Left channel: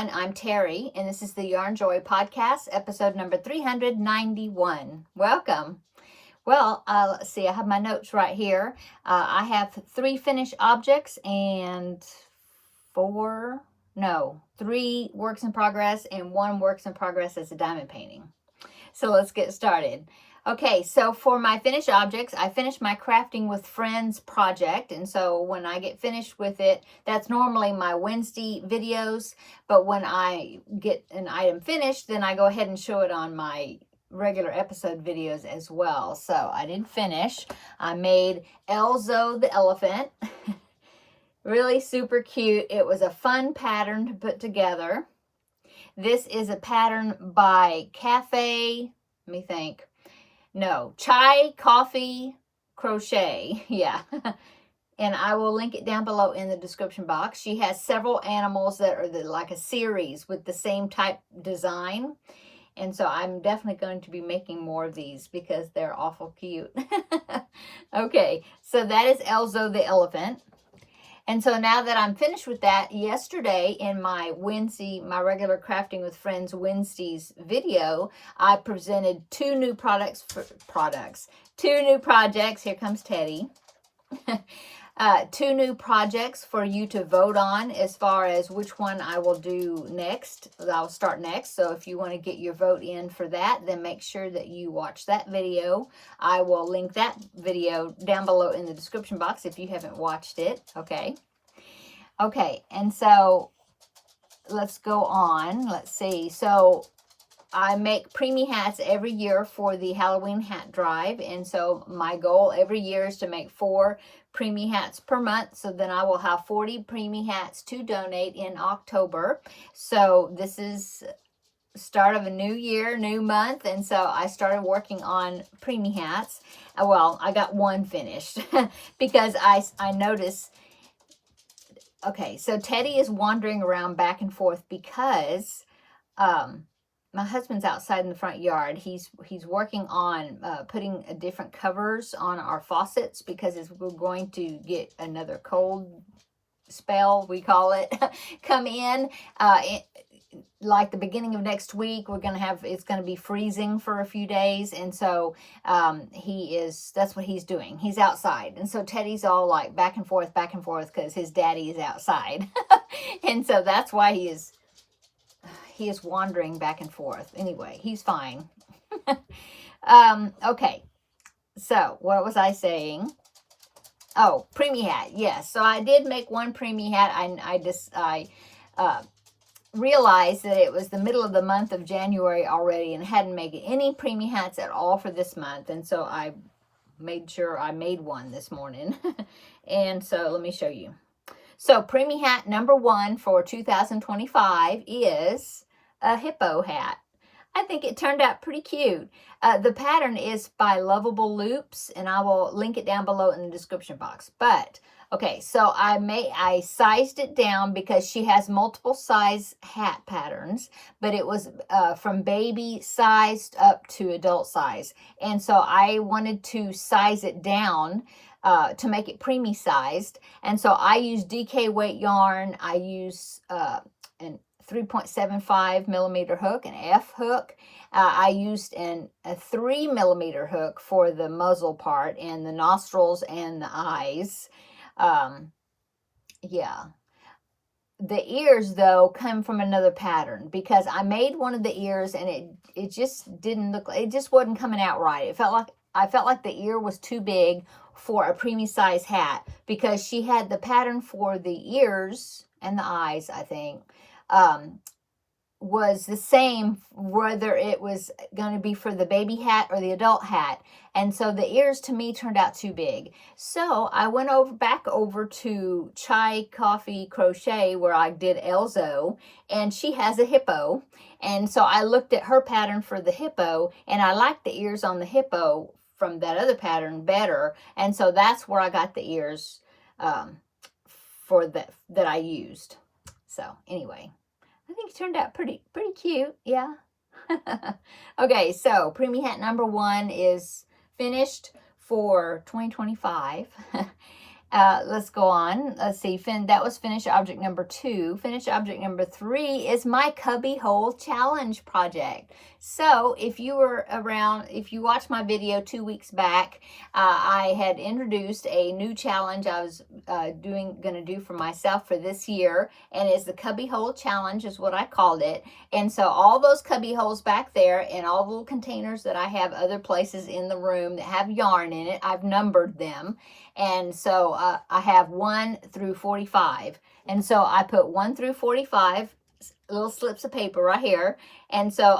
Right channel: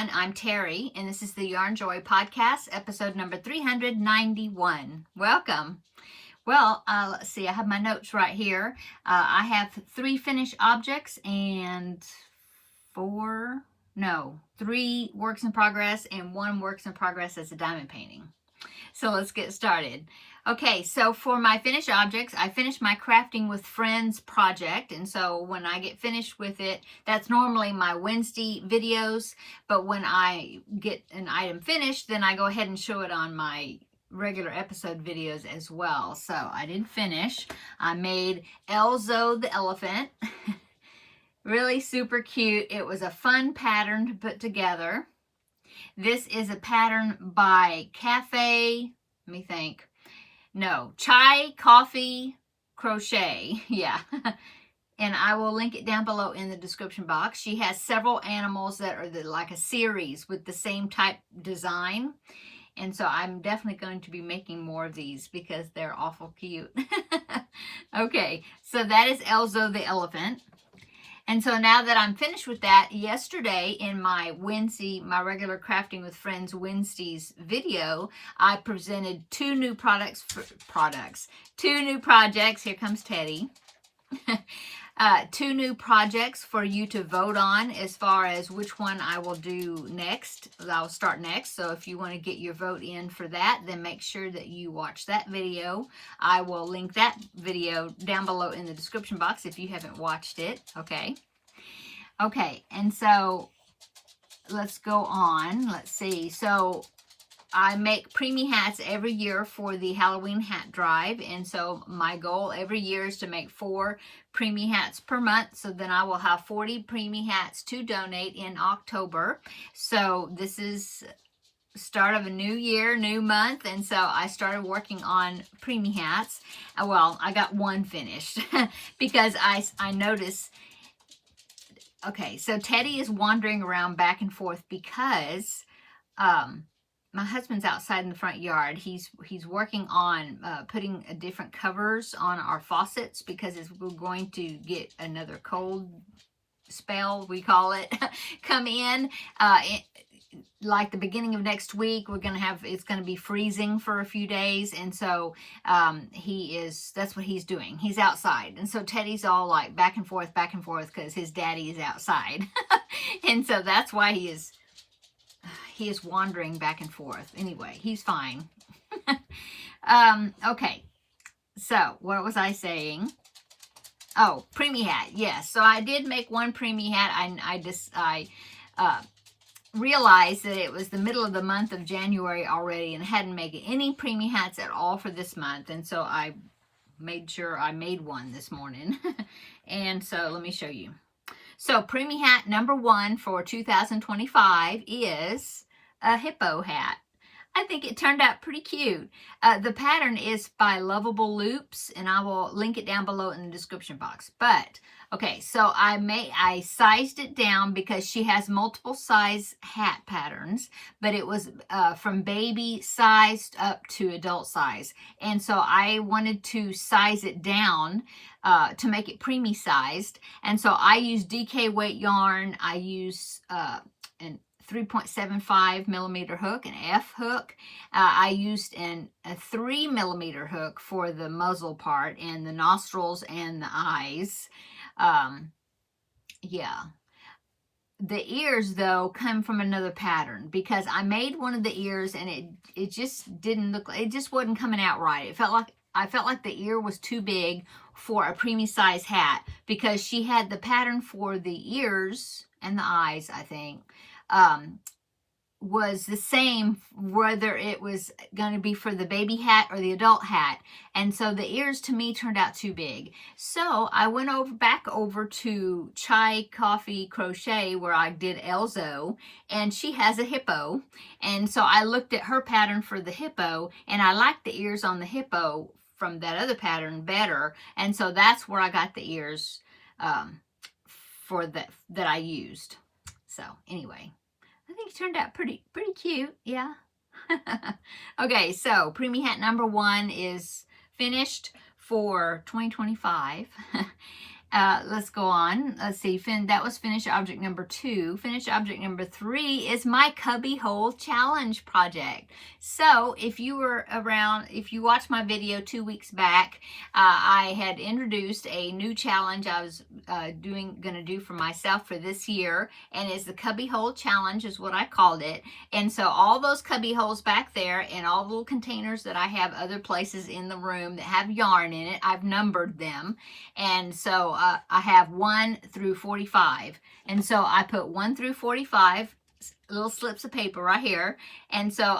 everyone. I'm Terry, and this is the Yarnjoy podcast, episode number 391. Welcome. Well, let's see. I have my notes right here. I have 3 finished objects and 3 works in progress and 1 works in progress as a diamond painting. So let's get started. Okay, so for my finished objects, I finished my Crafting with Friends project. And so when I get finished with it, that's normally my Wednesday videos. But when I get an item finished, then I go ahead and show it on my regular episode videos as well. So I did finish. I made Elzo the elephant. Really super cute. It was a fun pattern to put together. This is a pattern by Chai Coffee Crochet. Yeah. And I will link it down below in the description box. She has several animals that are like a series with the same type design. And so I'm definitely going to be making more of these because they're awful cute. Okay, so that is Elzo the elephant. And so now that I'm finished with that, yesterday in my Wednesday, my regular Crafting with Friends Wednesdays video, I presented 2 new projects. Here comes Teddy. 2 new projects for you to vote on as far as which one I will do next. I'll start next. So if you want to get your vote in for that, then make sure that you watch that video. I will link that video down below in the description box if you haven't watched it. Okay. Okay. And so let's go on. Let's see. So I make Premie hats every year for the Halloween hat drive. And so my goal every year is to make 4 Premie hats per month. So then I will have 40 Premie hats to donate in October. So this is start of a new year, new month. And so I started working on Premie hats. Well, I got 1 finished because I noticed. Okay, so Teddy is wandering around back and forth because my husband's outside in the front yard. He's working on putting different covers on our faucets because we're going to get another cold spell, we call it, come in. Like the beginning of next week, it's going to be freezing for a few days. And so that's what he's doing. He's outside. And so Teddy's all like back and forth because his daddy is outside. And so that's why he is wandering back and forth. Anyway, he's fine. Okay. So what was I saying? Oh, Premie hat. Yes. So I did make 1 Premie hat. I realized that it was the middle of the month of January already and hadn't made any Premie hats at all for this month. And so I made sure I made one this morning. And so let me show you. So Premie hat number 1 for 2025 is a hippo hat. I think it turned out pretty cute. The pattern is by Lovable Loops, and I will link it down below in the description box. But okay, so I sized it down because she has multiple size hat patterns, but it was from baby sized up to adult size. And so I wanted to size it down to make it Premie sized. And so I use DK weight yarn. I use an 3.75 millimeter hook, an F hook. I used a 3 millimeter hook for the muzzle part and the nostrils and the eyes. Yeah. The ears though come from another pattern because I made one of the ears and it just didn't look, it just wasn't coming out right. I felt like the ear was too big for a Premie size hat because she had the pattern for the ears and the eyes, I think, was the same whether it was going to be for the baby hat or the adult hat. And so the ears to me turned out too big. So I went back over to Chai Coffee Crochet where I did Elzo, and she has a hippo. And so I looked at her pattern for the hippo and I liked the ears on the hippo from that other pattern better. And so that's where I got the ears for that I used. So anyway, I think it turned out pretty cute. Yeah. Okay, so Premie hat number 1 is finished for 2025. Let's go on. Let's see. That was finished object number 2. Finished object number 3 is my cubby hole challenge project. So if you were around, if you watched my video 2 weeks back, I had introduced a new challenge I was gonna do for myself for this year, and it's the cubby hole challenge is what I called it. And so all those cubby holes back there and all the little containers that I have other places in the room that have yarn in it, I've numbered them. And so I have 1 through 45. And so I put 1 through 45 little slips of paper right here. And so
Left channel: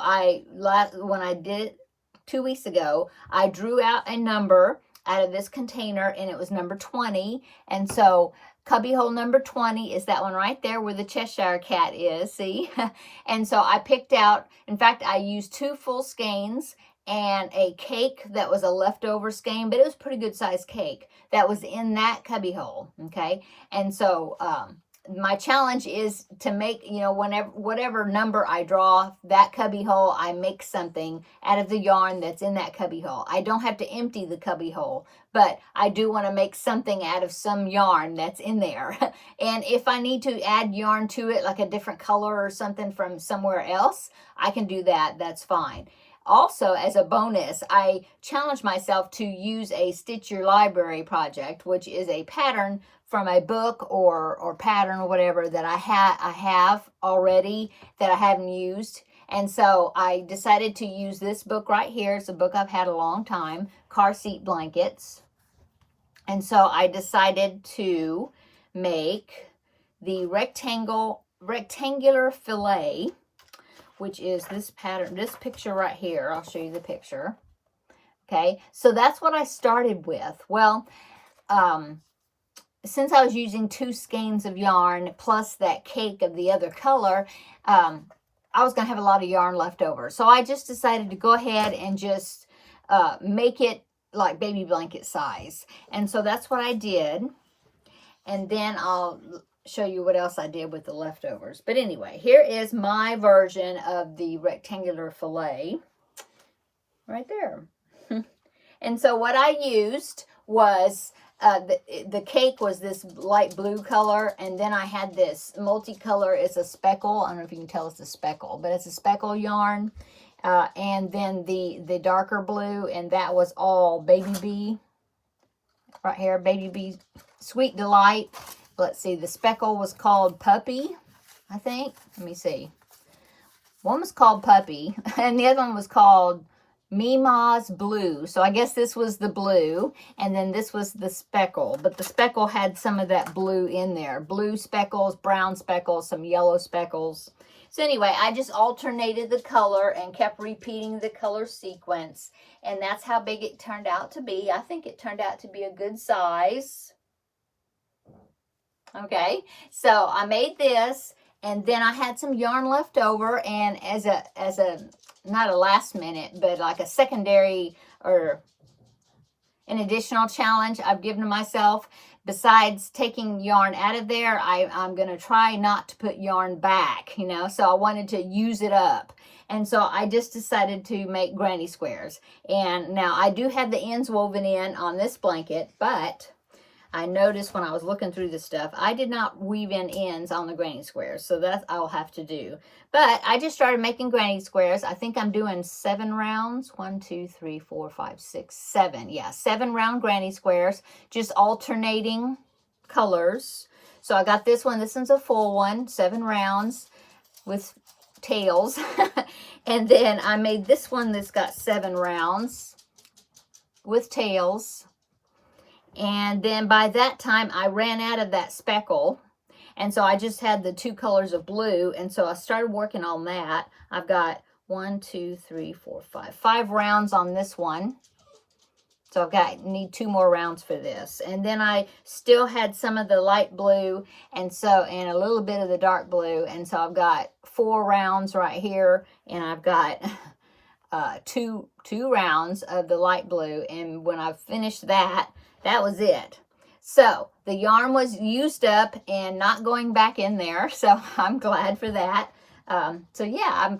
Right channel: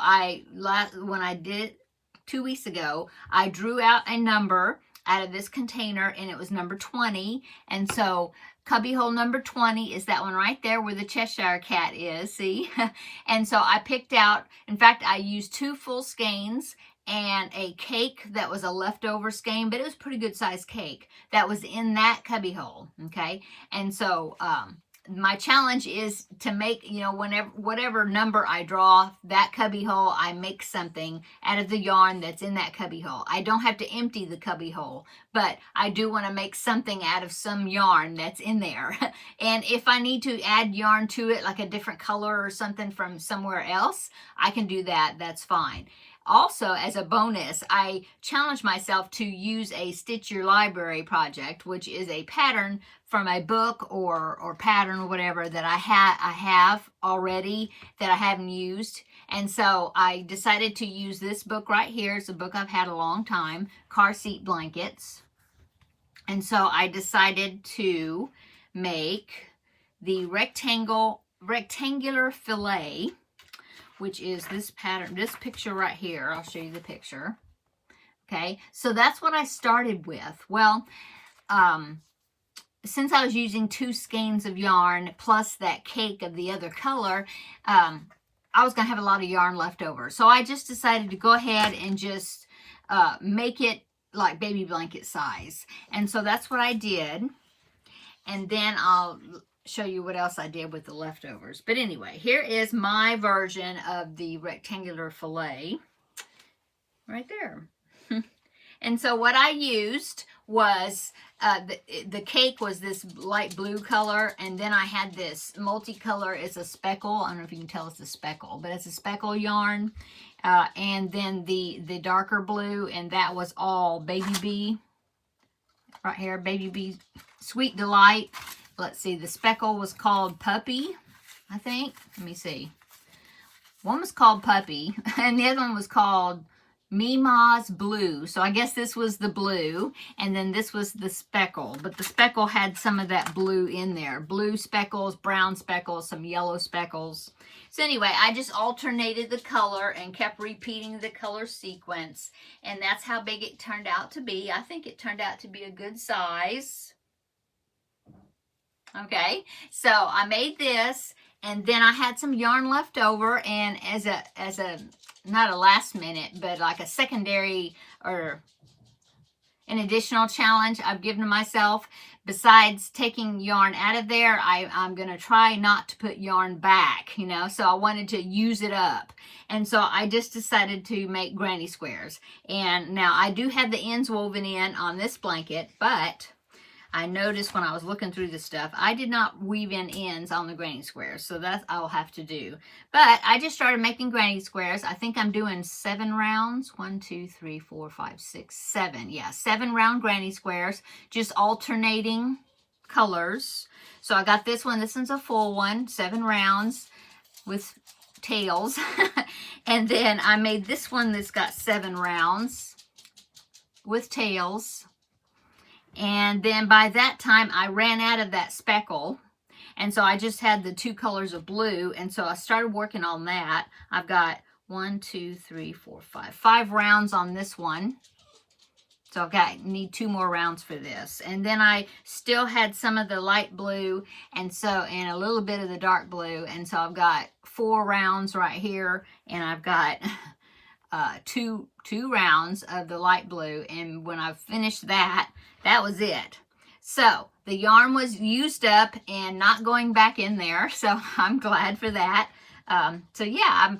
when I did it 2 weeks ago, I drew out a number out of this container, and it was number 20. And so cubby hole number 20 is that one right there where the Cheshire cat is, see? And so I picked out, in fact, I used 2 full skeins and a cake that was a leftover skein, but it was pretty good sized cake that was in that cubby hole, okay? And so my challenge is to make, you know, whatever number I draw that cubby hole, I make something out of the yarn that's in that cubby hole. I don't have to empty the cubby hole, but I do want to make something out of some yarn that's in there. And if I need to add yarn to it, like a different color or something from somewhere else, I can do that. That's fine. Also, as a bonus, I challenged myself to use a Stitch Your Library project, which is a pattern from a book or pattern or whatever that I have already that I haven't used. And so I decided to use this book right here. It's a book I've had a long time, Car Seat Blankets. And so I decided to make the rectangular fillet, which is this pattern, this picture right here. I'll show you the picture. Okay, so that's what I started with. Well, since I was using 2 skeins of yarn plus that cake of the other color, I was going to have a lot of yarn left over. So I just decided to go ahead and just make it like baby blanket size. And so that's what I did. And then I'll show you what else I did with the leftovers. But anyway, here is my version of the rectangular fillet right there. And so what I used was the cake was this light blue color, and then I had this multicolor. It's a speckle. I don't know if you can tell it's a speckle, but it's a speckle yarn. And then the darker blue, and that was all Baby Bee right here. Baby Bee Sweet Delight. Let's see, the speckle was called Puppy, I think. Let me see. One was called Puppy, and the other one was called Mima's Blue. So I guess this was the blue, and then this was the speckle. But the speckle had some of that blue in there. Blue speckles, brown speckles, some yellow speckles. So anyway, I just alternated the color and kept repeating the color sequence. And that's how big it turned out to be. I think it turned out to be a good size. Okay, so I made this, and then I had some yarn left over, and as a not a last minute, but like a secondary or an additional challenge I've given to myself, besides taking yarn out of there, I'm going to try not to put yarn back, you know, so I wanted to use it up. And so I just decided to make granny squares. And now I do have the ends woven in on this blanket, but I noticed when I was looking through this stuff, I did not weave in ends on the granny squares, so that I'll have to do. But I just started making granny squares. I think I'm doing 7 rounds. 1, 2, 3, 4, 5, 6, 7. Yeah, 7 round granny squares, just alternating colors. So I got this one. This one's a full one, 7 rounds with tails. And then I made this one that's got 7 rounds with tails. And then by that time, I ran out of that speckle. And so I just had the 2 colors of blue. And so I started working on that. I've got 1, 2, 3, 4, 5 rounds on this one. So need 2 more rounds for this. And then I still had some of the light blue and a little bit of the dark blue. And so I've got 4 rounds right here. And I've got two rounds of the light blue. And when I finished that was it. So the yarn was used up and not going back in there. So I'm glad for that. So yeah,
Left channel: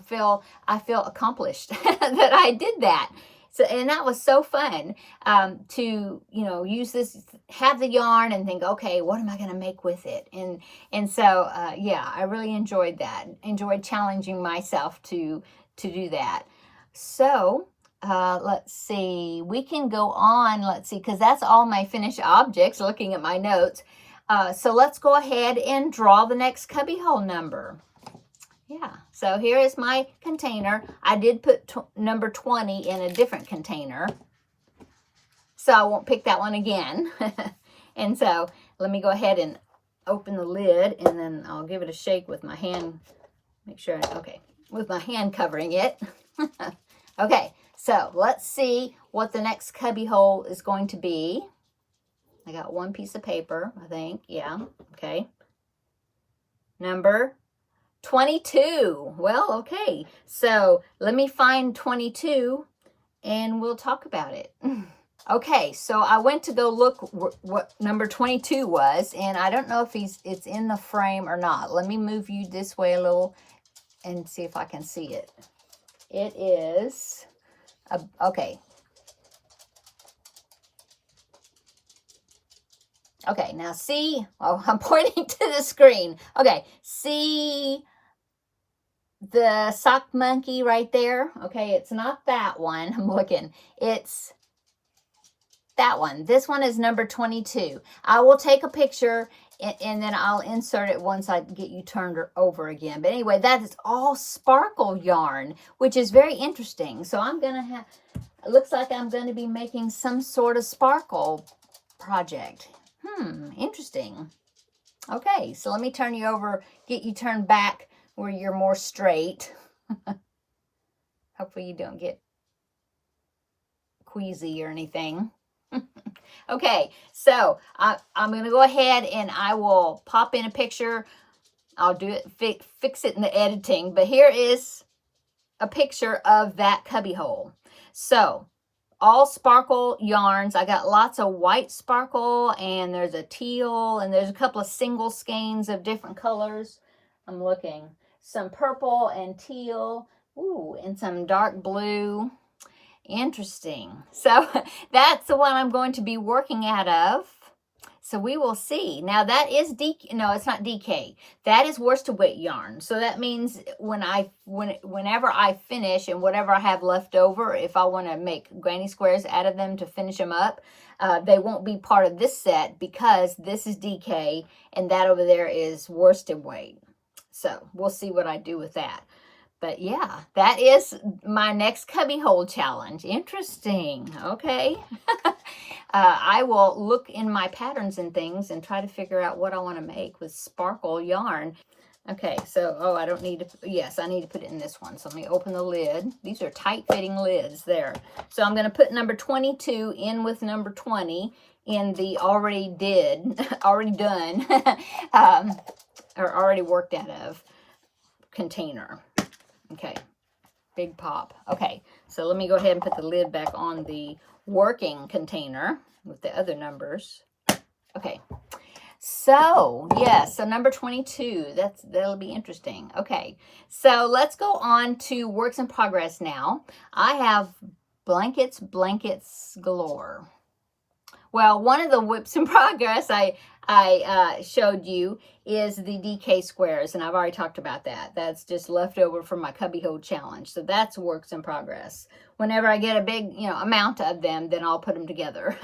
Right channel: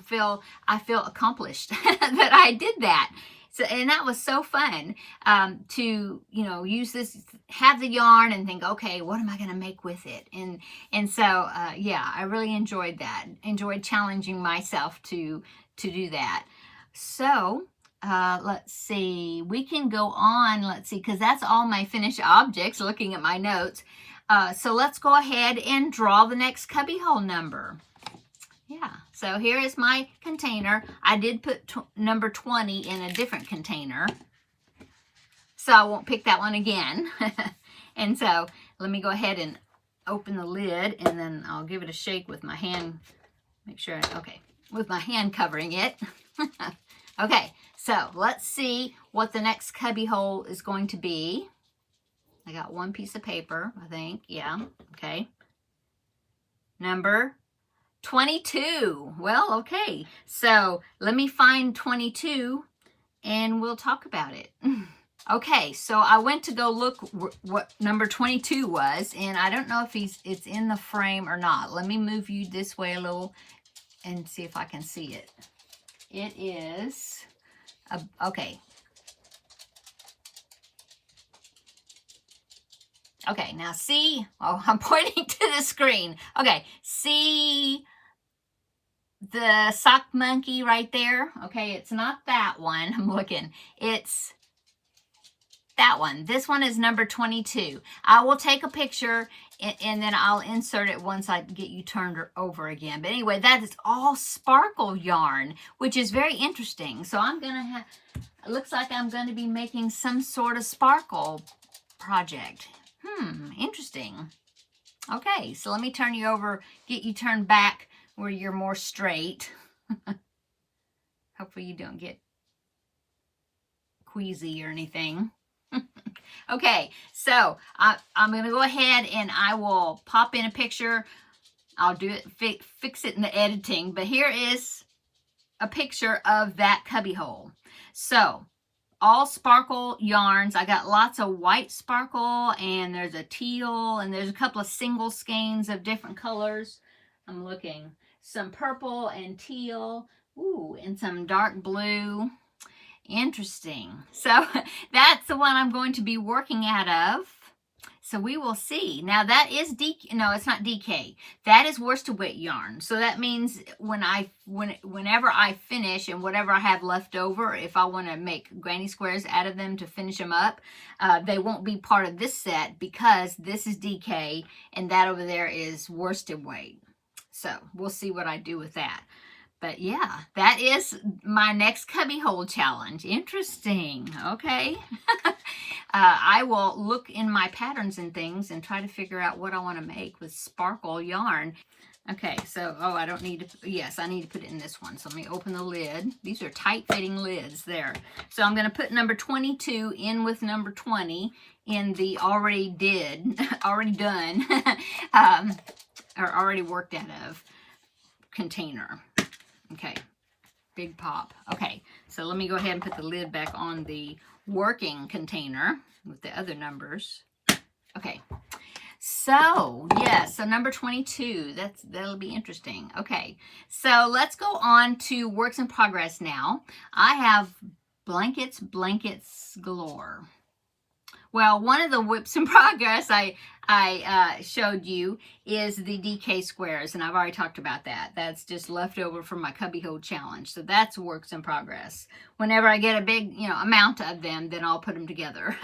I feel accomplished that I did that. So, and that was so fun to, you know, use this, have the yarn and think, okay, what am I going to make with it? And so, yeah, I really enjoyed that. Enjoyed challenging myself to do that. So, let's see, we can go on, let's see, because that's all my finished objects, looking at my notes. So let's go ahead and draw the next cubbyhole number. Yeah, so here is my container. I did put number 20 in a different container, so I won't pick that one again. And so let me go ahead and open the lid, and then I'll give it a shake with my hand. Make sure, okay, with my hand covering it. Okay, so let's see what the next cubby hole is going to be. I got one piece of paper, I think. Yeah, okay. Number 22. Well, okay. So let me find 22 and we'll talk about it. Okay, so I went to go look what number 22 was, and I don't know if it's in the frame or not. Let me move you this way a little and see if I can see it. It is, okay. Okay, now see, oh, I'm pointing to the screen. Okay, see the sock monkey right there? Okay, it's not that one. I'm looking. It's that one. This one is number 22. I will take a picture and then I'll insert it once I get you turned over again. But anyway, that is all sparkle yarn, which is very interesting. So I'm going to have, it looks like I'm going to be making some sort of sparkle project. Interesting. Okay, so let me turn you over, get you turned back where you're more straight. Hopefully you don't get queasy or anything. Okay, so I'm going to go ahead and I will pop in a picture. I'll do it, fix it in the editing. But here is a picture of that cubby hole. So all sparkle yarns. I got lots of white sparkle, and there's a teal, and there's a couple of single skeins of different colors. I'm looking. Some purple and teal. Ooh, and some dark blue. Interesting. So that's the one I'm going to be working out of. So we will see. Now that is no, it's not DK. That is worsted weight yarn. So that means whenever I finish and whatever I have left over, if I want to make granny squares out of them to finish them up, they won't be part of this set because this is DK and that over there is worsted weight. So we'll see what I do with that. But yeah, that is my next cubby hole challenge. Interesting. Okay. I will look in my patterns and things and try to figure out what I want to make with sparkle yarn. Okay, so, oh, I don't need to, yes, I need to put it in this one. So let me open the lid. These are tight fitting lids there. So I'm going to put number 22 in with number 20 in the already done, or already worked out of container. Okay, big pop. Okay, so let me go ahead and put the lid back on the working container with the other numbers. Okay, so yes, so number 22, that'll be interesting. Okay, so let's go on to works in progress now. I have blankets galore. Well, one of the whips in progress I showed you is the DK squares, and I've already talked about that. That's just left over from my cubby hole challenge. So that's works in progress. Whenever I get a big, amount of them, then I'll put them together.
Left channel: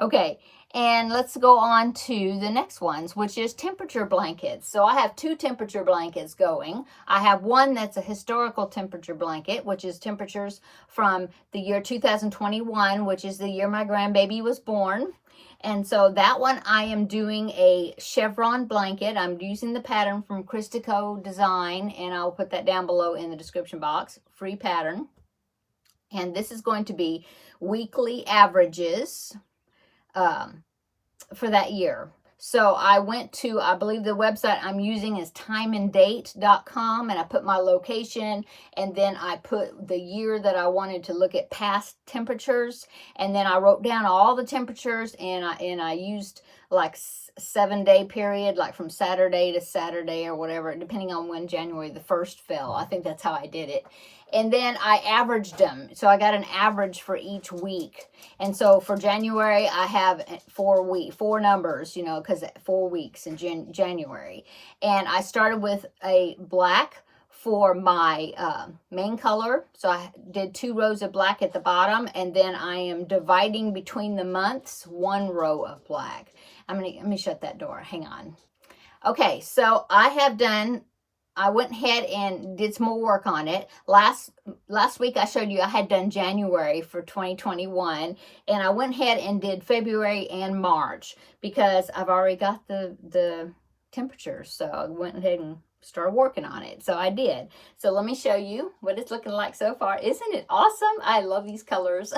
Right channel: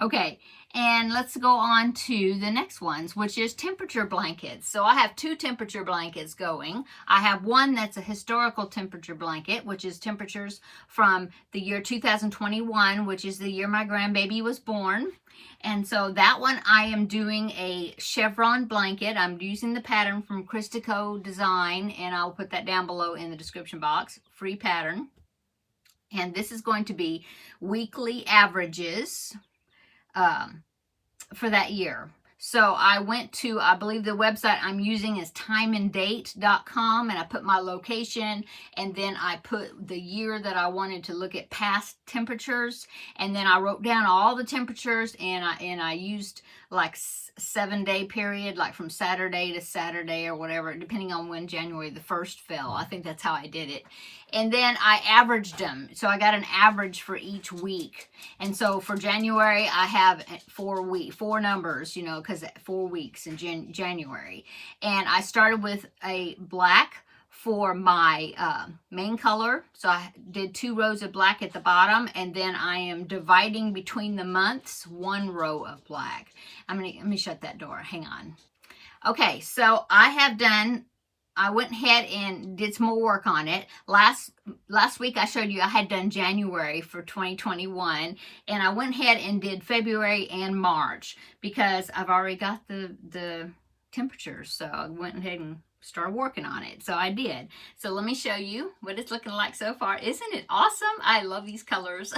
Okay, and let's go on to the next ones, which is temperature blankets. So I have 2 temperature blankets going. I have one that's a historical temperature blanket, which is temperatures from the year 2021, which is the year my grandbaby was born. And so that one I am doing a chevron blanket. I'm using the pattern from Christico Design, and I'll put that down below in the description box. Free pattern. And this is going to be weekly averages for that year. So I went to, I believe the website I'm using is timeanddate.com, and I put my location, and then I put the year that I wanted to look at past temperatures, and then I wrote down all the temperatures, and I used like 7-day period, like from Saturday to Saturday or whatever, depending on when January the 1st fell. I think that's how I did it. And then I averaged them. So I got an average for each week. And so for January, I have 4 numbers, you know, because 4 weeks in January. And I started with a black for my main color. So I did 2 rows of black at the bottom, and then I am dividing between the months 1 row of black. Let me shut that door. Hang on. Okay, so I went ahead and did some more work on it. Last week I showed you I had done January for 2021, and I went ahead and did February and March because I've already got the temperatures. So I went ahead and started working on it. So I did. So let me show you what it's looking like so far. Isn't it awesome? I love these colors.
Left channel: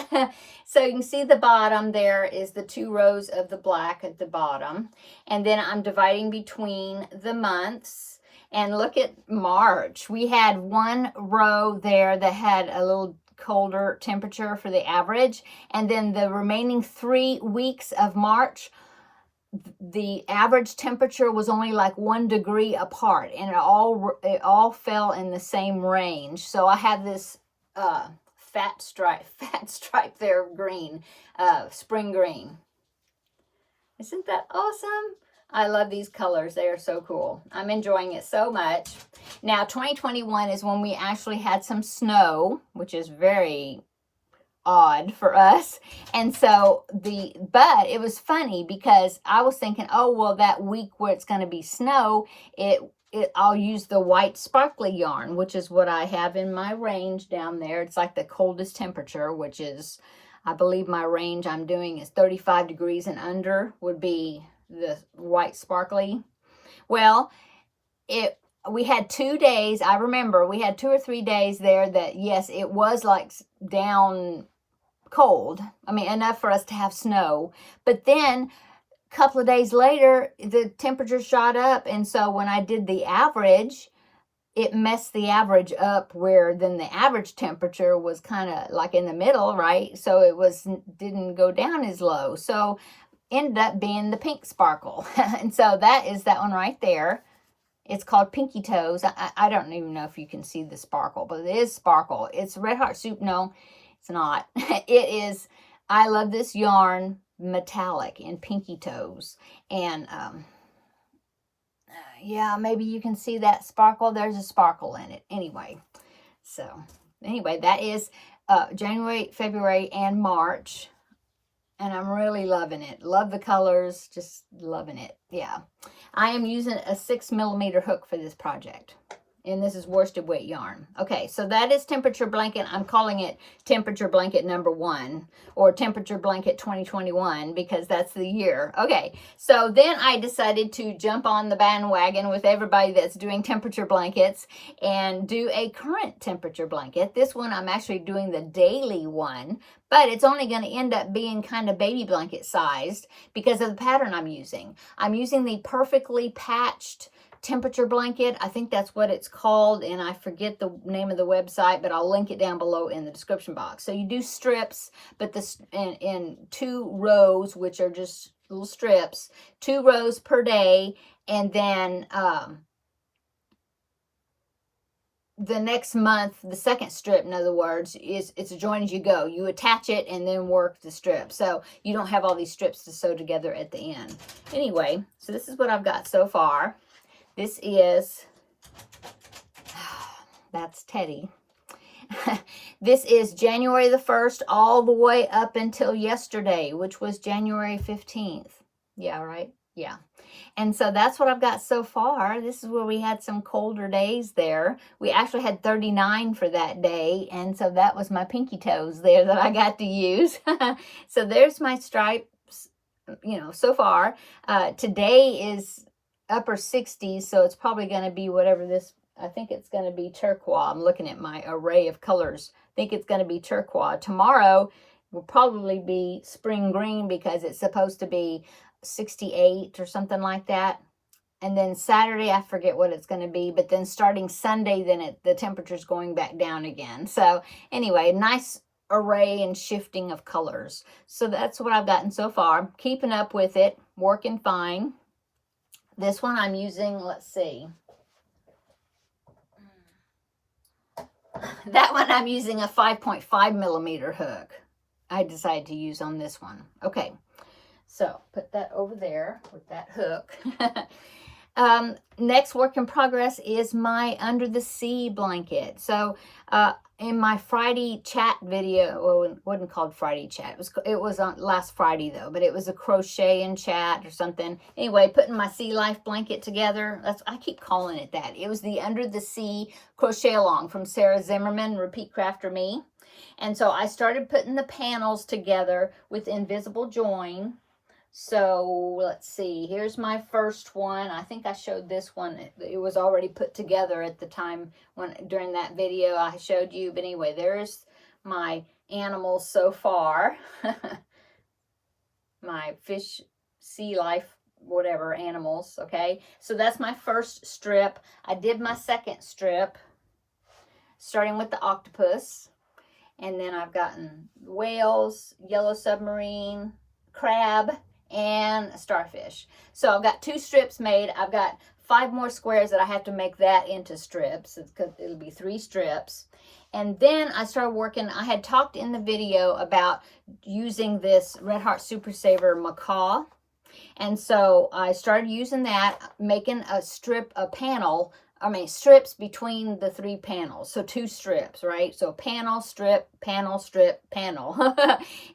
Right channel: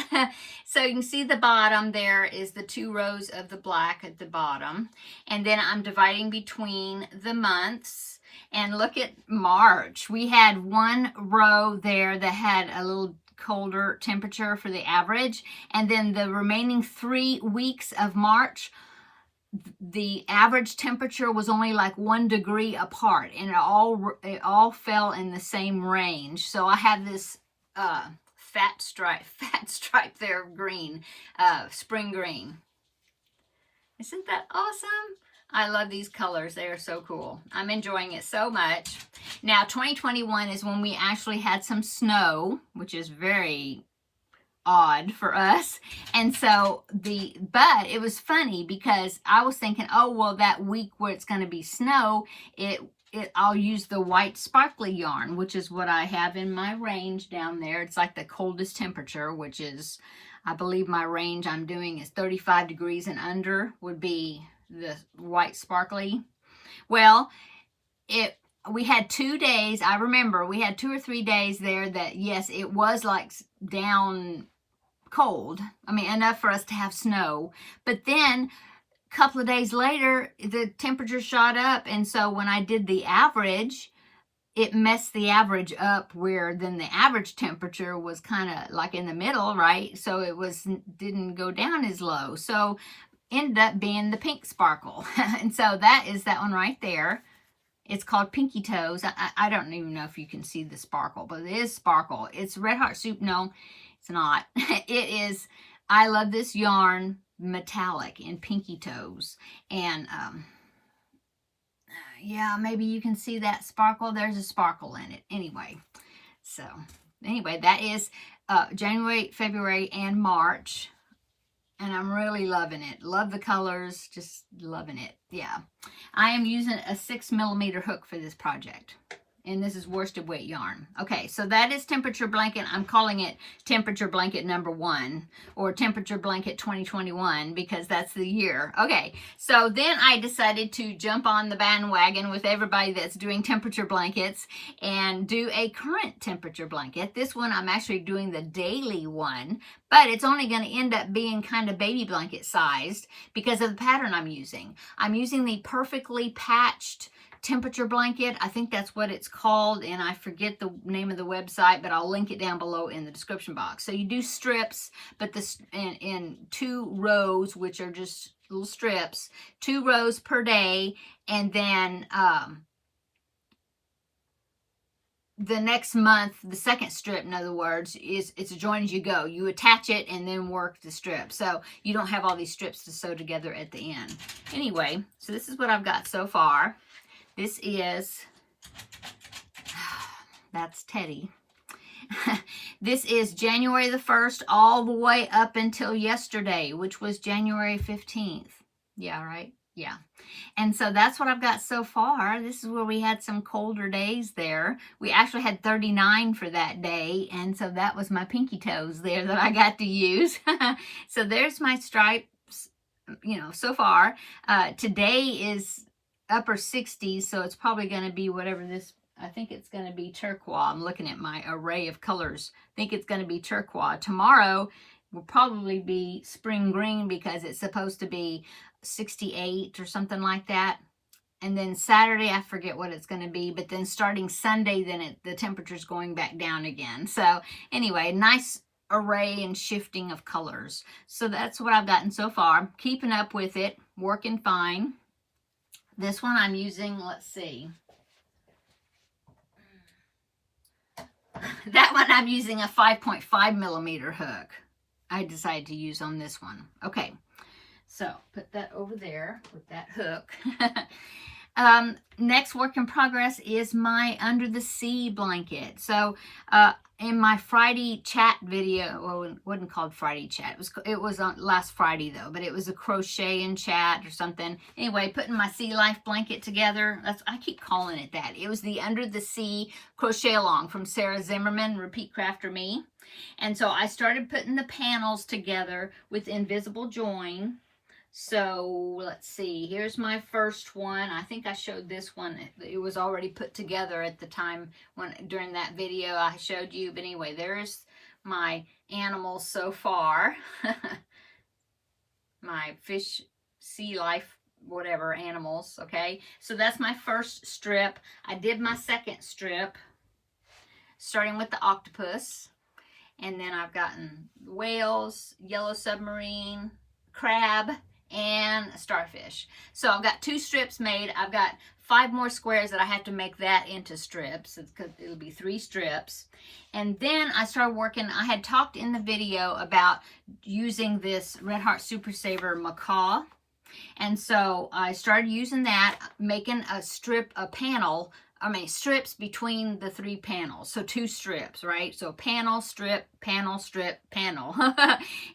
So you can see the bottom there is the 2 rows of the black at the bottom. And then I'm dividing between the months. And look at March. We had 1 row there that had a little colder temperature for the average. And then the remaining 3 weeks of March, the average temperature was only like 1 degree apart, and it all fell in the same range. So I have this fat stripe there of green, spring green. Isn't that awesome? I love these colors. They are so cool. I'm enjoying it so much. Now 2021 is when we actually had some snow, which is very odd for us. And so but it was funny because I was thinking, oh, well, that week where it's going to be snow, I'll use the white sparkly yarn, which is what I have in my range down there. It's like the coldest temperature, which is, I believe my range I'm doing is 35 degrees and under would be the white sparkly. Well, we had 2 days. I remember we had 2 or 3 days there that, yes, it was like down cold. I mean, enough for us to have snow. But then a couple of days later, the temperature shot up. And so when I did the average, it messed the average up, where then the average temperature was kind of like in the middle, right? So it didn't go down as low. So ended up being the pink sparkle. And so that is that one right there. It's called Pinky Toes. I don't even know if you can see the sparkle, but it is sparkle. It's Red Heart Soup. No, it's not. It is. I love this yarn, metallic in Pinky Toes. And yeah, maybe you can see that sparkle. There's a sparkle in it. Anyway, that is January, February, and March. And I'm really loving it. Love the colors. Just loving it. Yeah. I am using a 6mm hook for this project. And this is worsted weight yarn. Okay, so that is temperature blanket. I'm calling it temperature blanket number 1, or temperature blanket 2021, because that's the year. Okay, so then I decided to jump on the bandwagon with everybody that's doing temperature blankets and do a current temperature blanket. This one I'm actually doing the daily one, but it's only going to end up being kind of baby blanket sized because of the pattern I'm using. I'm using the perfectly patched temperature blanket. I think that's what it's called, and I forget the name of the website, but I'll link it down below in the description box. So you do strips, but this in 2 rows, which are just little strips, 2 rows per day, and then the next month, the second strip, in other words, it's a join as you go. You attach it and then work the strip, so you don't have all these strips to sew together at the end. Anyway, so this is what I've got so far. This is, that's Teddy. This is January the 1st all the way up until yesterday, which was January 15th. Yeah, right? Yeah. And so that's what I've got so far. This is where we had some colder days there. We actually had 39 for that day. And so that was my Pinky Toes there that I got to use. So there's my stripes, you know, so far. Today is upper 60s, so it's probably going to be whatever this, I think it's going to be turquoise. I'm looking at my array of colors. I think it's going to be turquoise. Tomorrow will probably be spring green because it's supposed to be 68 or something like that. And then Saturday, I forget what it's going to be, but then starting Sunday, then the temperature's going back down again. So anyway, nice array and shifting of colors. So that's what I've gotten so far. Keeping up with it, working fine. This one I'm using, let's see. That one I'm using a 5.5 millimeter hook. I decided to use on this one. Okay, so put that over there with that hook. Next work in progress is my Under the Sea blanket. So in my Friday chat video, well, it wasn't called Friday chat. It was on last Friday though, but it was a crochet and chat or something. Anyway, putting my Sea Life blanket together. I keep calling it that. It was the Under the Sea crochet along from Sarah Zimmerman, Repeat Crafter Me. And so I started putting the panels together with invisible join. So let's see, here's my first one. I think I showed this one. It was already put together at the time during that video I showed you. But anyway, there's my animals so far. My fish, sea life, whatever animals, okay? So that's my first strip. I did my second strip, starting with the octopus. And then I've gotten whales, yellow submarine, crab, and a starfish. So I've got 2 strips made. I've got 5 more squares that I have to make that into strips. It'll be 3 strips. And then I started working. I had talked in the video about using this Red Heart Super Saver macaw. And so I started using that, making a strips between the 3 panels. So 2 strips, right? So panel, strip, panel, strip, panel.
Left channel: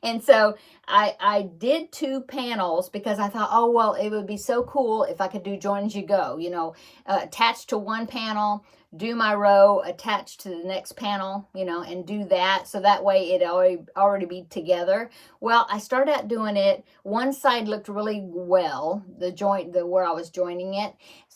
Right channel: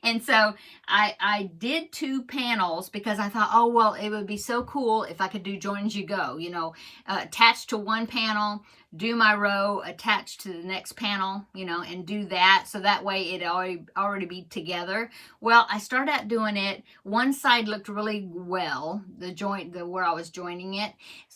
And so I did 2 panels because I thought, oh, well, it would be so cool if I could do join as you go, you know, attach to one panel, do my row, attach to the next panel, you know, and do that. So that way it already be together. Well, I started out doing it. One side looked really well, where I was joining it.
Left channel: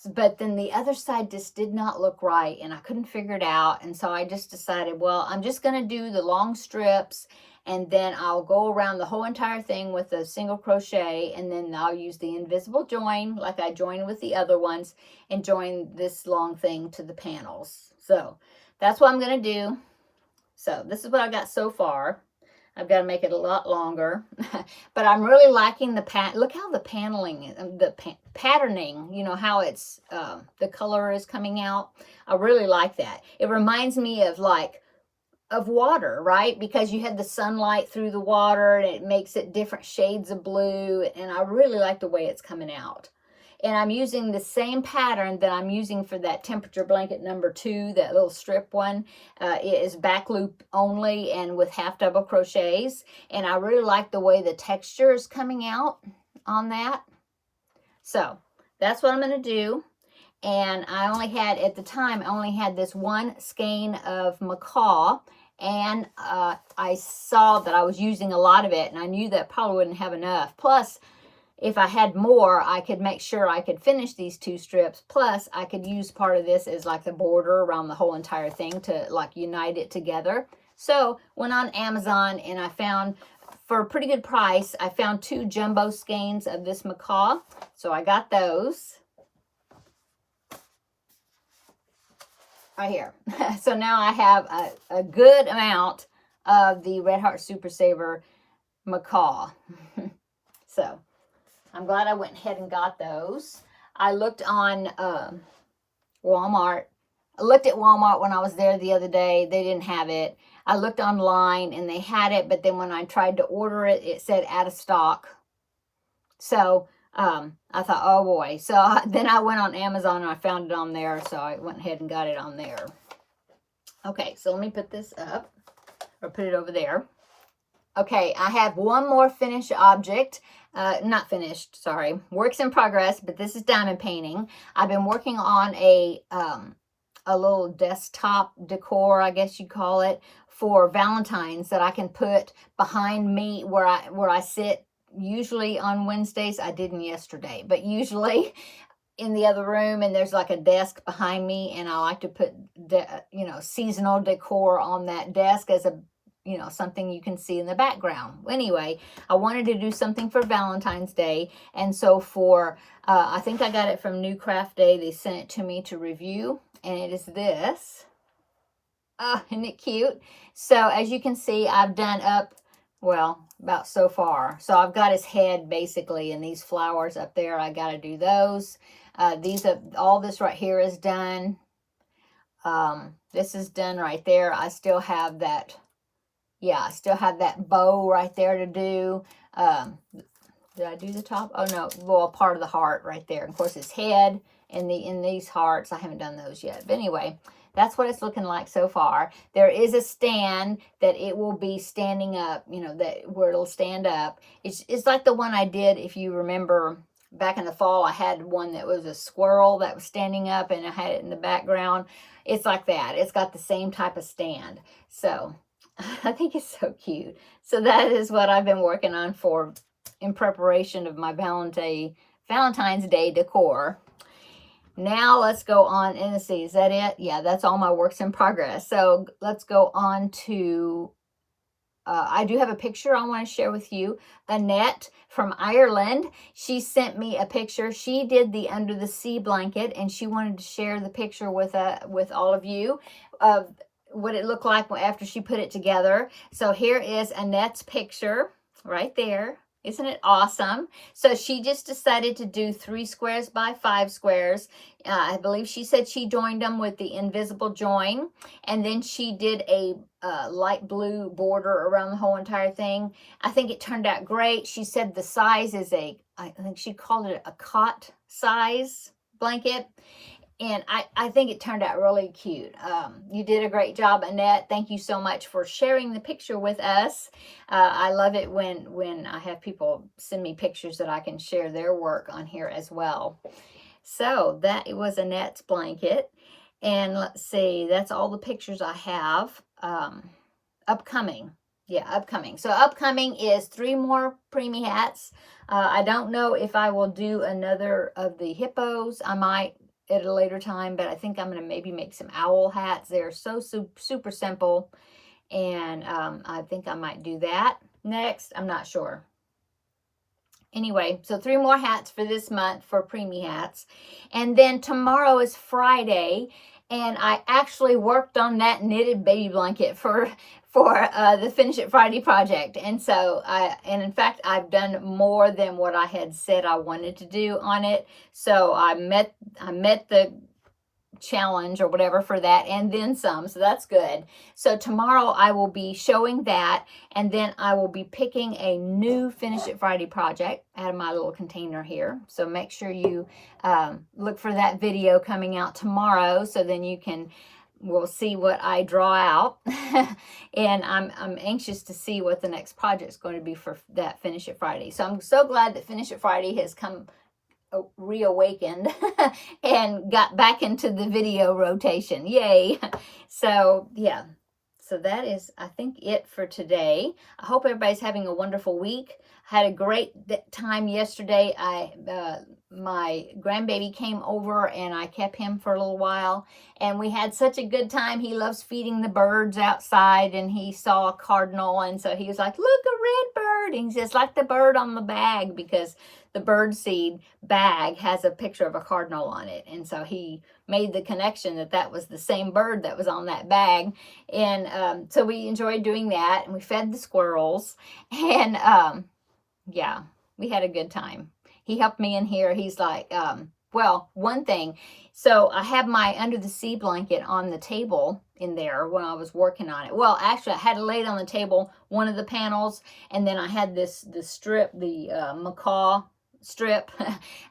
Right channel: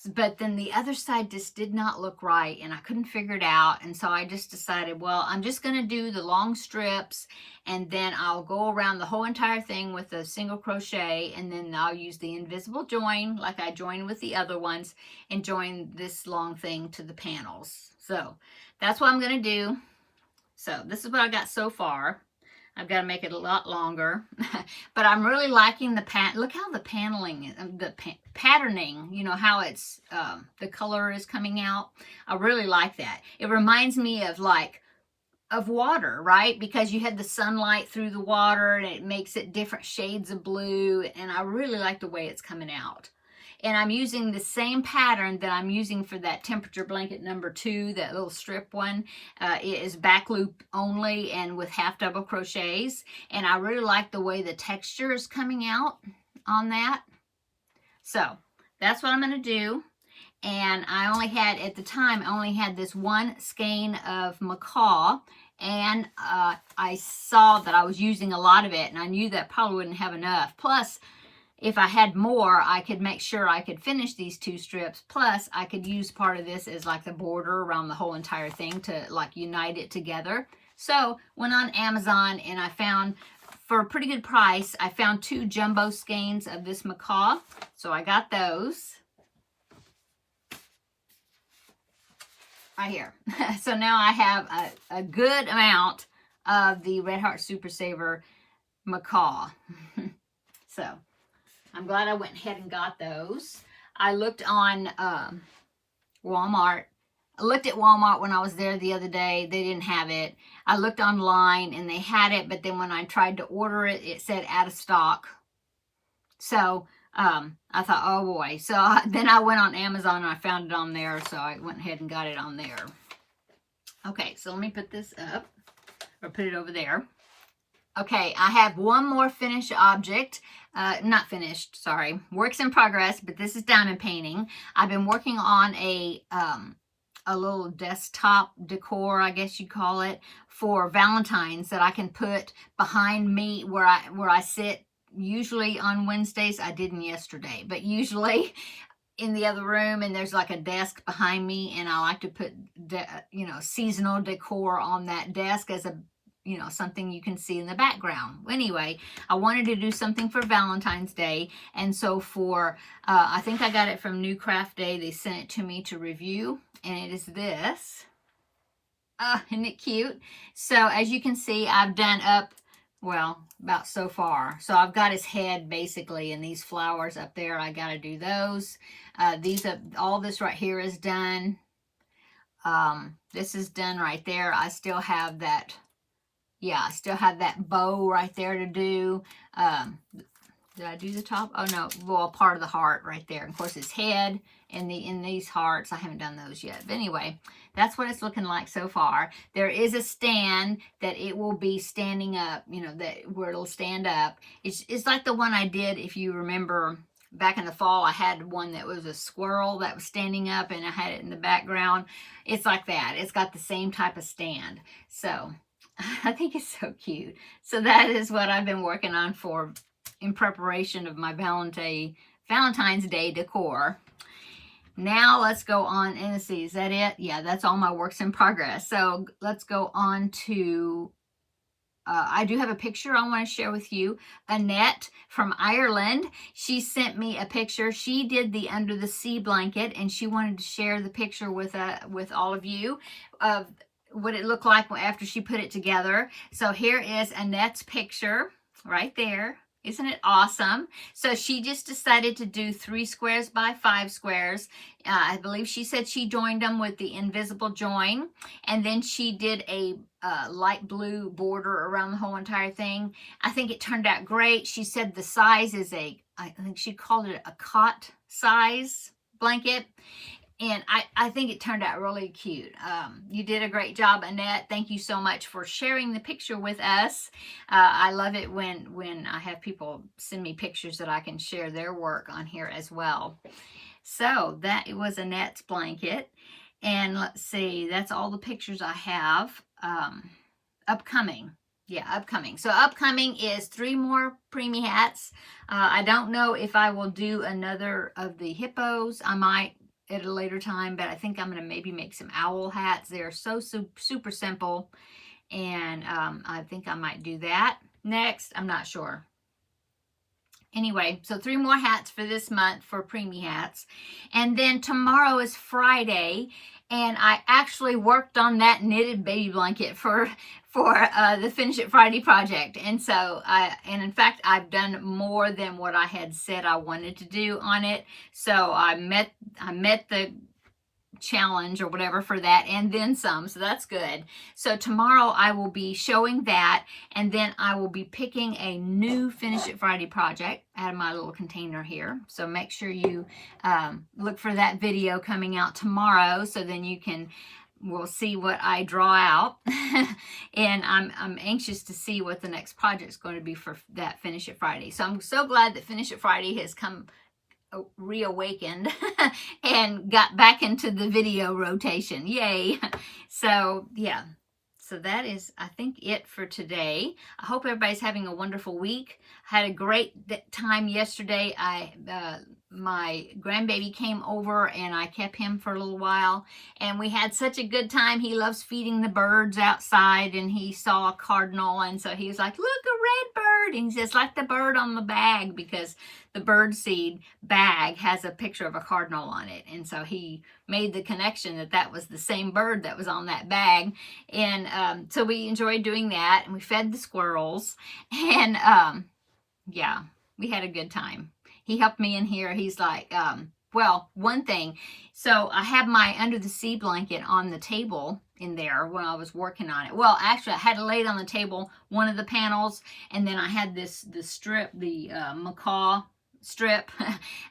But then the other side just did not look right and I couldn't figure it out. And so I just decided, well, I'm just going to do the long strips and then I'll go around the whole entire thing with a single crochet, and then I'll use the invisible join like I joined with the other ones and join this long thing to the panels. So that's what I'm going to do. So this is what I got so far. I've got to make it a lot longer, but I'm really liking the look how the paneling, patterning, you know, how it's, the color is coming out. I really like that. It reminds me of of water, right? Because you had the sunlight through the water and it makes it different shades of blue. And I really like the way it's coming out. And I'm using the same pattern that I'm using for that temperature blanket number 2, that little strip one. It is back loop only and with half double crochets. And I really like the way the texture is coming out on that. So that's what I'm going to do. And I only had, at the time, I only had this 1 skein of macaw. And I saw that I was using a lot of it. And I knew that probably wouldn't have enough. Plus, if I had more, I could make sure I could finish these 2 strips. Plus, I could use part of this as like the border around the whole entire thing to like unite it together. So, went on Amazon and I found, for a pretty good price, I found 2 jumbo skeins of this macaw. So, I got those. Right here. So, now I have a good amount of the Red Heart Super Saver macaw. So, I'm glad I went ahead and got those. I looked on Walmart. I looked at Walmart when I was there the other day. They didn't have it. I looked online and they had it, but then when I tried to order it, it said out of stock. So I thought, oh boy. So then I went on Amazon and I found it on there. So I went ahead and got it on there. Okay, so let me put this up, or put it over there. Okay, I have one more finished object. Not finished, sorry. Works in progress, but this is diamond painting. I've been working on a little desktop decor, I guess you call it, for Valentine's that I can put behind me where I sit. Usually on Wednesdays, I didn't yesterday, but usually in the other room, and there's like a desk behind me, and I like to put, seasonal decor on that desk as a, something you can see in the background. Anyway, I wanted to do something for Valentine's Day. And so for, I think I got it from New Craft Day. They sent it to me to review. And it is this. Isn't it cute? So as you can see, I've done up, well, about so far. So I've got his head basically, and these flowers up there, I got to do those. All this right here is done. This is done right there. I still have that, yeah, I still have that bow right there to do. Did I do the top? Oh no, well, part of the heart right there. Of course, his head and in these hearts, I haven't done those yet. But anyway, that's what it's looking like so far. There is a stand that it will be standing up, you know, that where it'll stand up. It's like the one I did, if you remember, back in the fall. I had one that was a squirrel that was standing up, and I had it in the background. It's like that. It's got the same type of stand. So I think it's so cute. So that is what I've been working on for in preparation of my Valentine's Day decor. Now let's go on, and let's see, is that it? Yeah, that's all my works in progress. So let's go on to, I do have a picture I want to share with you. Annette from Ireland, she sent me a picture. She did the Under the Sea blanket, and she wanted to share the picture with all of you of what it looked like after she put it together. So here is Annette's picture right there. Isn't it awesome? So she just decided to do 3 squares by 5 squares. I believe she said she joined them with the invisible join. And then she did a light blue border around the whole entire thing. I think it turned out great. She said the size is I think she called it a cot size blanket. And I think it turned out really cute. You did a great job, Annette. Thank you so much for sharing the picture with us. I love it when I have people send me pictures that I can share their work on here as well. So that was Annette's blanket. And let's see, that's all the pictures I have. Upcoming. Yeah, upcoming. So upcoming is 3 more Preemie hats. I don't know if I will do another of the hippos. I might at a later time, but I think I'm going to maybe make some owl hats. They're so super simple, and I think I might do that next. I'm not sure. Anyway, so 3 more hats for this month for Preemie hats. And then tomorrow is Friday, and I actually worked on that knitted baby blanket for the Finish It Friday project. And so, and in fact, I've done more than what I had said I wanted to do on it. So I met the challenge or whatever for that, and then some. So that's good. So tomorrow I will be showing that, and then I will be picking a new Finish It Friday project out of my little container here. So make sure you look for that video coming out tomorrow, so then you can we'll see what I draw out. And I'm anxious to see what the next project is going to be for that Finish It Friday. So I'm so glad that Finish It Friday has come reawakened and got back into the video rotation. Yay. So yeah, so that is, I think, it for today. I hope everybody's having a wonderful week. I had a great time yesterday. My grandbaby came over, and I kept him for a little while, and we had such a good time. He loves feeding the birds outside, and he saw a cardinal, and so he was like, look, a red bird. And he says, like the bird on the bag, because the birdseed bag has a picture of a cardinal on it. And so he made the connection that that was the same bird that was on that bag. And so we enjoyed doing that, and we fed the squirrels, and yeah, we had a good time. He helped me in here. He's like, well, one thing. So I had my Under the Sea blanket on the table in there when I was working on it. Well, actually, I had it laid on the table, one of the panels, and then I had the strip, the macaw strip,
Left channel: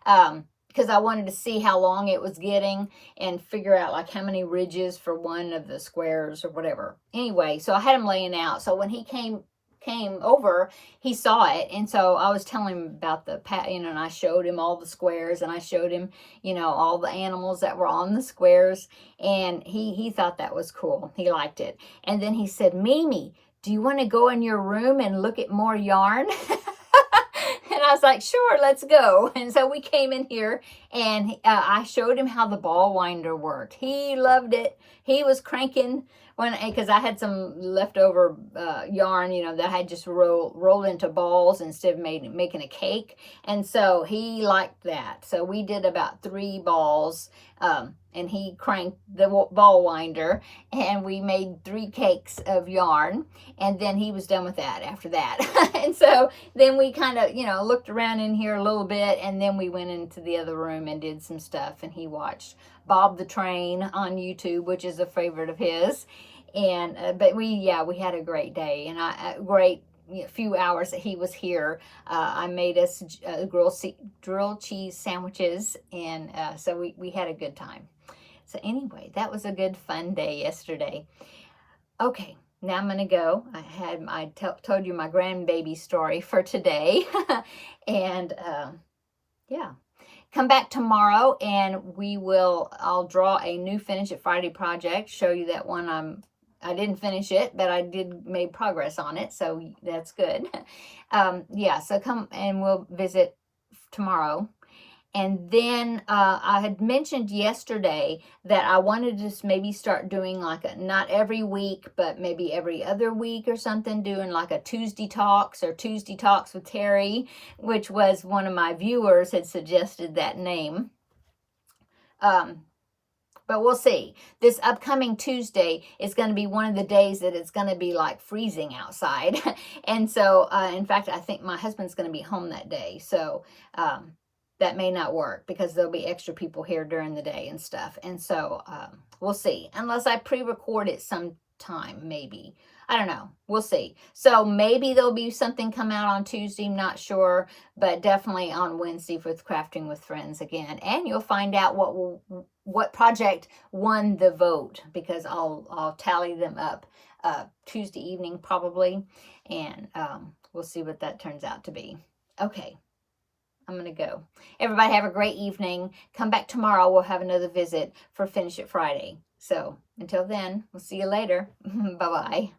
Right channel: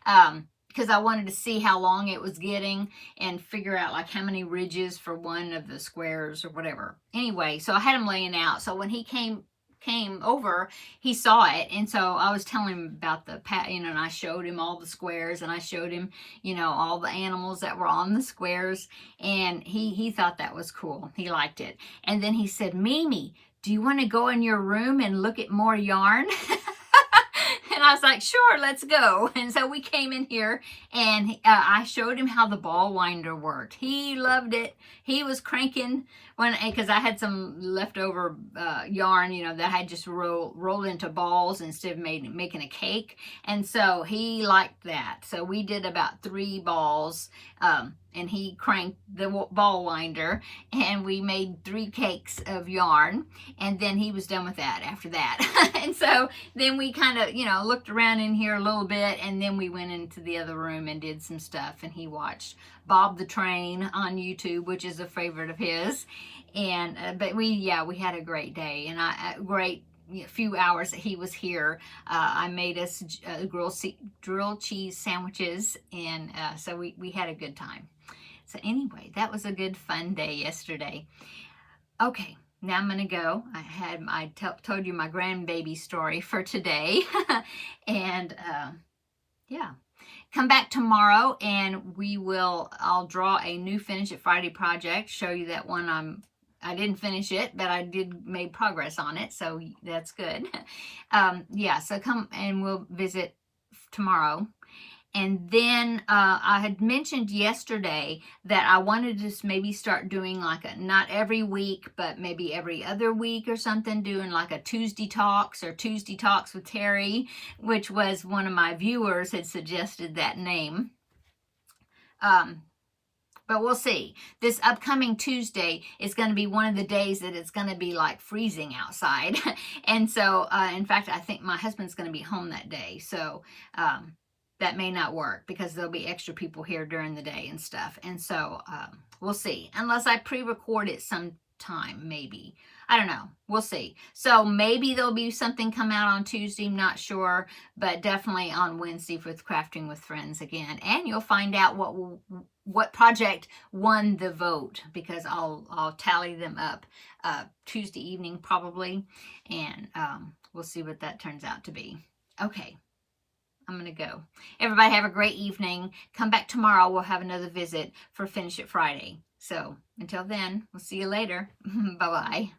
because I wanted to see how long it was getting and figure out like how many ridges for one of the squares or whatever. Anyway, so I had him laying out. So when he came over, he saw it, and so I was telling him about and I showed him all the squares, and I showed him, all the animals that were on the squares, and he thought that was cool. He liked it. And then he said, Mimi, do you want to go in your room and look at more yarn? And I was like, sure, let's go. And so we came in here, and I showed him how the ball winder worked. He loved it. He was cranking because I had some leftover yarn, you know, that I had just rolled into balls instead of making a cake. And so he liked that. So we did about 3 balls, and he cranked the ball winder, and we made 3 cakes of yarn, and then he was done with that after that. And so then we kind of, you know, looked around in here a little bit, and then we went into the other room and did some stuff, and he watched Bob the Train on YouTube, which is a favorite of his. And but we had a great day, and a great few hours that he was here. I made us grilled cheese sandwiches, and so we had a good time. So anyway, that was a good fun day yesterday. Okay, now I'm gonna go. I told you my grandbaby story for today. And yeah, come back tomorrow and I'll draw a new Finish It Friday project, show you that one. I didn't finish it, but I did make progress on it, so that's good. Yeah, so come and we'll visit tomorrow. And then I had mentioned yesterday that I wanted to just maybe start doing like not every week, but maybe every other week or something, doing like a Tuesday Talks or Tuesday Talks with Terri, which was one of my viewers had suggested that name. But we'll see. This upcoming Tuesday is going to be one of the days that it's going to be like freezing outside. And so, in fact, I think my husband's going to be home that day. So, that may not work because there'll be extra people here during the day and stuff. And so, we'll see. Unless I pre-record it sometime, maybe. I don't know. We'll see. So maybe there'll be something come out on Tuesday. Not sure, but definitely on Wednesday with Crafting with Friends again. And you'll find out what project won the vote, because I'll tally them up Tuesday evening probably, and we'll see what that turns out to be. Okay. I'm going to go. Everybody have a great evening. Come back tomorrow. We'll have another visit for Finish It Friday. So until then, we'll see you later. Bye-bye.